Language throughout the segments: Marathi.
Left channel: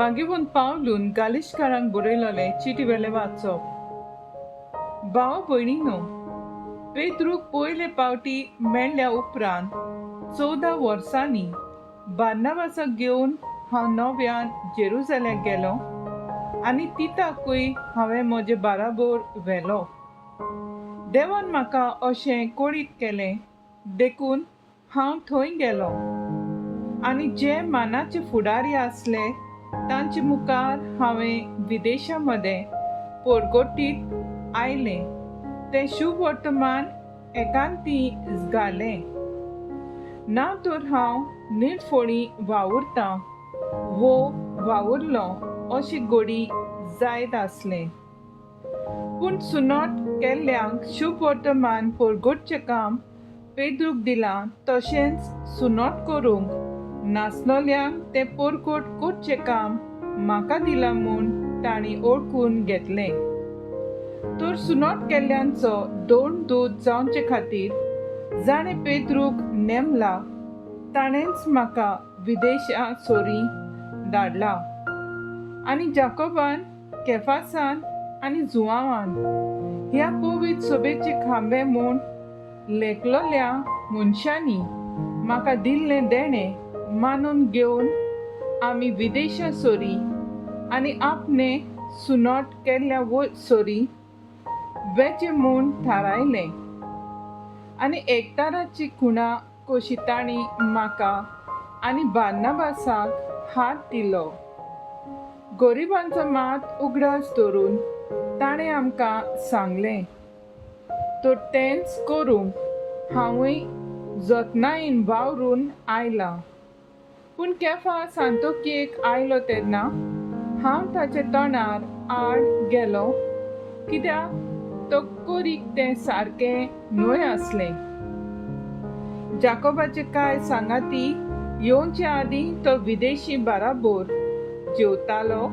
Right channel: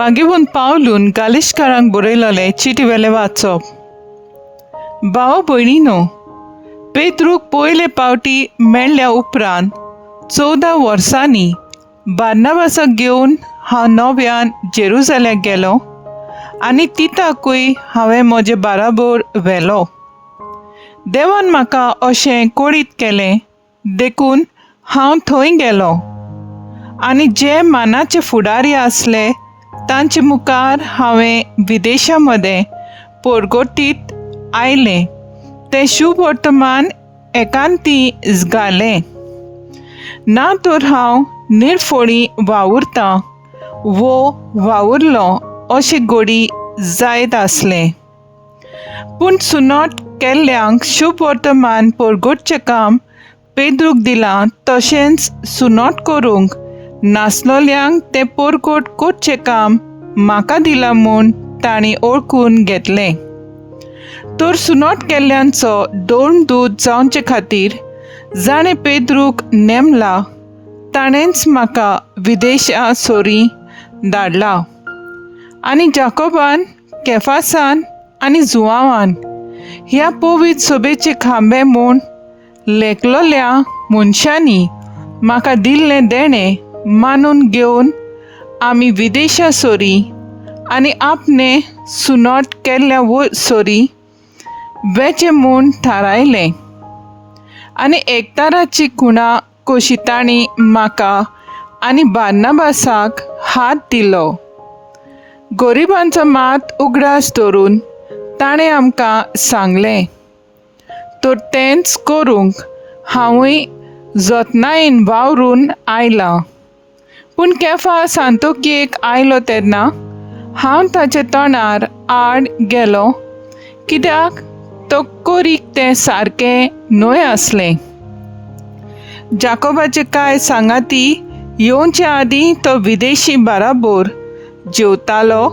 बागेवून पावलून गालिश्कारांक बरयलोलें चिटी वेलें वाचप. भाव भयणीनो, पेद्रूक पयले पावटी मेळ्ळ्या उपरांत 14 वर्सांनी बार्नाबासाक घेवन हांव नव्यान जेरुसलेमाक गेलों आनी तिताकूय हांवें म्हजे बाराबर व्हेलो. देवान म्हाका अशें कोडीत केलें देखून हांव थंय गेलों आनी जे मानाचे फुडारी आसले तांचे मुखार हांवें विदेशा मदें परगोटीत आयलें तें शुभ वर्तमान एकांती घालें ना तर हांव निरफळी वावुरतां वो वावुरलों अशें घडी जायत आसलें. पूण सुनोट केल्ल्यांक शुभ वर्तमान परगोटचें काम पेद्रूक दिलां तशेंच सुनोट करूंक नासलोल्यांक तें परगोट करचें काम म्हाका दिलां म्हूण तांणी ओळखून घेतलें. तर सुनोट केल्ल्यांचो दोन दूत जावचे खातीर जाणें पेद्रूक नेमला ताणेंच म्हाका विदेशा सोरी धाडला आनी जाकोबान, केफासान आनी जुआंवान ह्या पवित्र सभेचे खांबे म्हूण लेखलोल्या मनशांनी म्हाका दिल्लें देणें मानून घेवन आमी विदेशा सोरी आनी आपणे सुनोट केल्ल्या सोरी वेचे म्हूण थारायलें. आनी एकताराची खुणा कशी तांणी म्हाका आनी बार्नाबासाक हात दिलो. गरिबांचो मात उगडास धरून ताणें आमकां सांगलें तर तेंच करूंक हांवूय जतनायेन वावरून आयलां. पूण केफास आंतोकियेक आयलो तेन्ना हांव ताच्या तोंडार आड गेलो कित्याक तो कोरीक तें सारकें न्हय आसलें. जाकोबाचे कांय सांगाती येवचे आदीं तो विदेशी बाराबर जेवतालो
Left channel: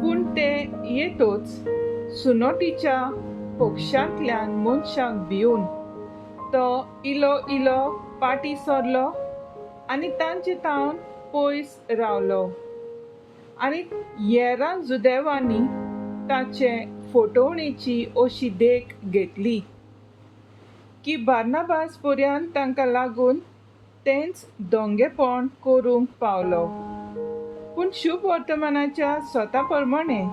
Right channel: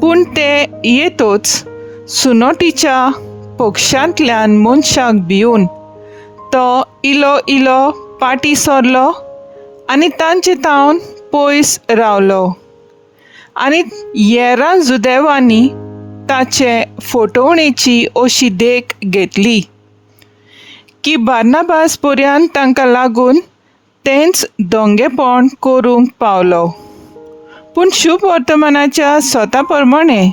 पूण ते येतोच सुनोटीच्या पक्षांतल्यान मनशाक भिवन तो इलो इलो पाटी सरलो आनी तांचे तावन पयस रावलो. आनी हेरां जुदेवांनी ताचे फटवणेची अशी देख घेतली की बार्नाबास पर्यंत तांकां लागून तेंच दोंगेपण करूंक पावलो. पूण शुभ वर्तमानाच्या स्वता प्रमाणे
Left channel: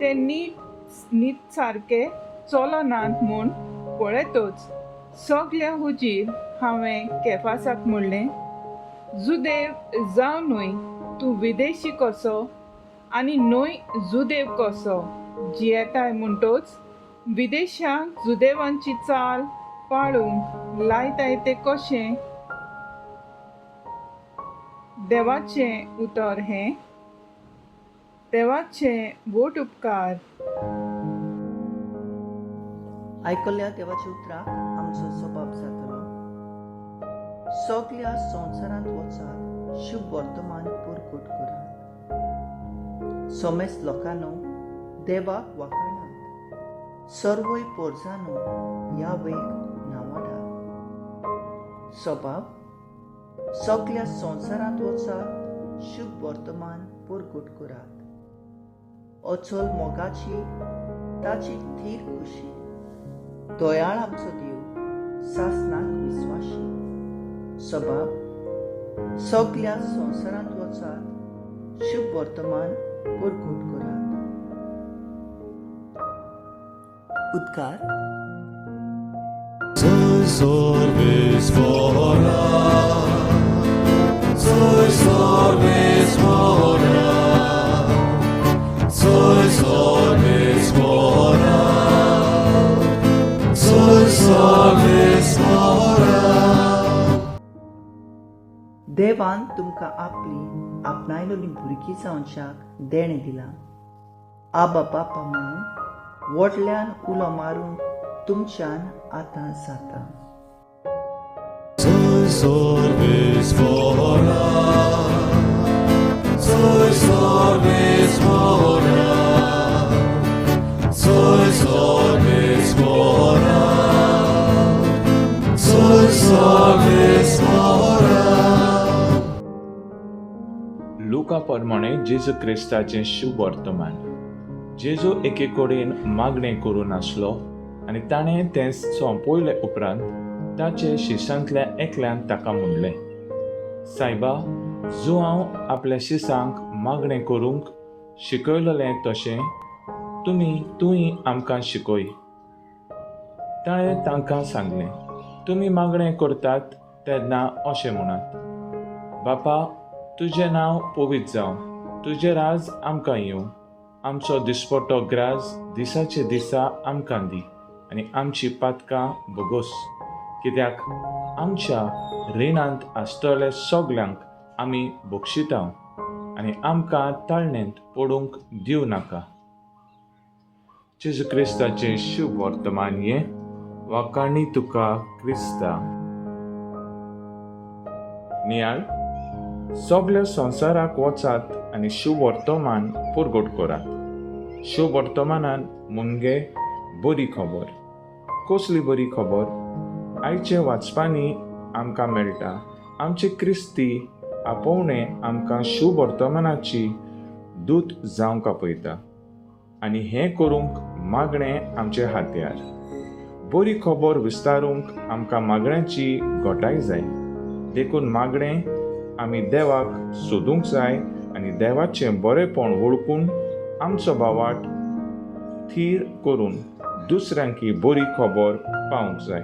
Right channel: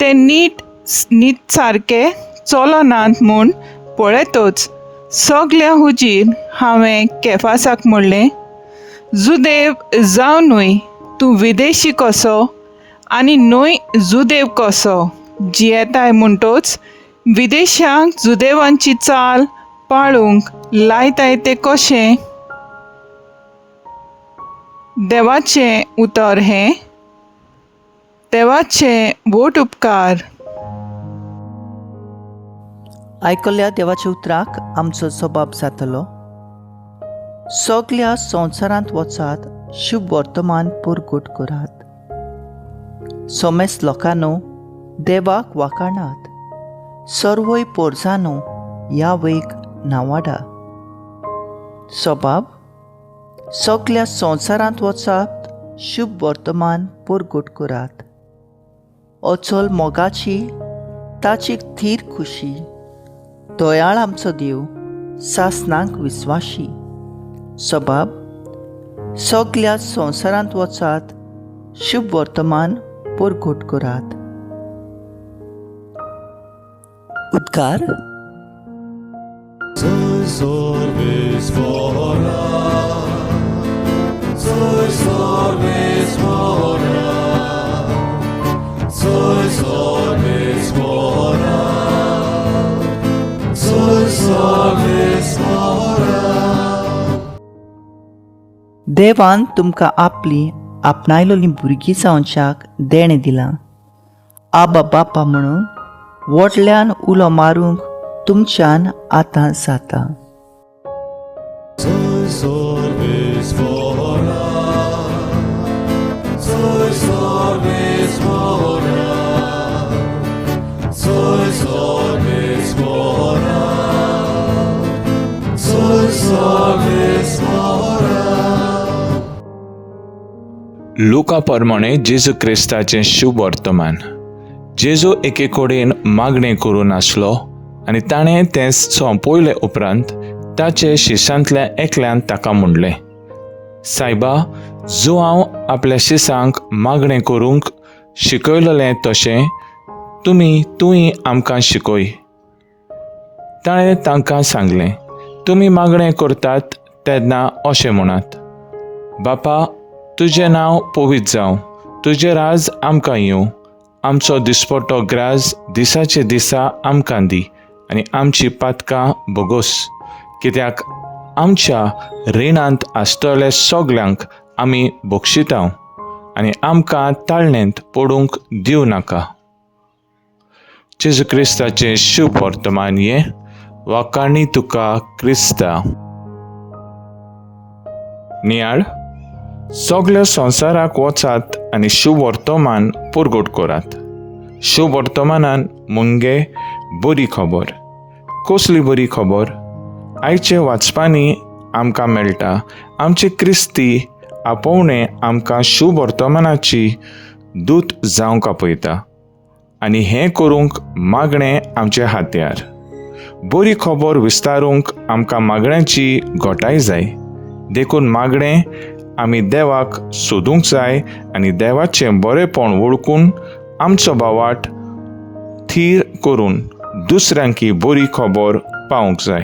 ते नीट सारके चलनात म्हूण पळयतच सगल्या हुजीर हांवें केफासाक म्हणलें, जुदेव जावनूय तूं विदेशी कसो आनी न्हय जुदेव कसो जियेताय म्हणटच विदेशांक जुदेवांची चाल पाळूंक लायताय तें कशें? देवाचें उतर हें, देवाचे बोट उपकार. आयकल्ल्या देवाच्या उतराक आमचो जबाब जातलो. सगल्या संवसारांत वचात शुभ वर्तमान परगोट करात. सोमेस लोकांनो देवाक वाखाणात. सर्वय पोरजांनो यावेक नावाडा. सबाब सगल्या संवसारांत वचात शुभ वर्तमान परगोट करात. अचल मोगाची ताची थीर खुशी. दयाळ आमचो देव सासनांक विस्वाशी. सबाब सगल्या संवसारांत वचात शुभ वर्तमान परगोट करात. उद्गार. देवान तुमकां आपली आपणायलोलीं भुरगीं जावच्याक देणें दिलां. आबा बापा म्हणून व्हडल्यान उलो मारूंक तुमच्यान आतां जाता. लुका प्रमाणे जेजू क्रिस्ताचें शुभ वर्तमान. जेजू एके कडेन मागणें करून आसलो आनी ताणें तें सोंपयले उपरांत ताचे शिश्यांतल्या एकल्यान ताका म्हणलें, सायबा, जो हांव आपल्या शिसांक मागणें करूंक शिकयलेलें तशें तूंय आमकां शिकय. ताणें तांकां सांगलें, तुमी मागणें करतात तेन्ना अशें म्हणात, बापा, तुजें नांव पवित्र जावं, तुजें राज आमकां येवं, आमचो दिसपट्टो ग्रास दिसाचे दिसा आमकां दी आनी आमची पातकां बोगोस, कित्याक आमच्या रिणांत आसतल्या सगल्यांक आमी बक्षितांव आनी आमकां ताळणेंत पडूंक दिवं नाका. जेजू क्रिस्ताचें शुभ वर्तमान हें वाकाणी तुका क्रिस्ता. नियाळ, सगळ्या संवसाराक वचात आनी शुभ वर्तमान पुरगोट करात. शुभ वर्तमानान मुंगे बरी खबर. कसली बरी खबर? आयचे वाचपांनी आमकां मेळटा आमचे क्रिस्ती आपोवणें आमकां शुभ वर्तमानाची दूत जावंक आपयता आनी हें करूंक मागणें आमचे हात्यार. बरी खबर विस्तारूंक आमकां मागण्याची घोटाय जाय. देखून मागणें आमी देवाक सोदूंक जाय आनी देवाचें बरेंपण वळखून आमचो बावाट थीर करून दुसऱ्यांक ही बरी खबर पावूंक जाय.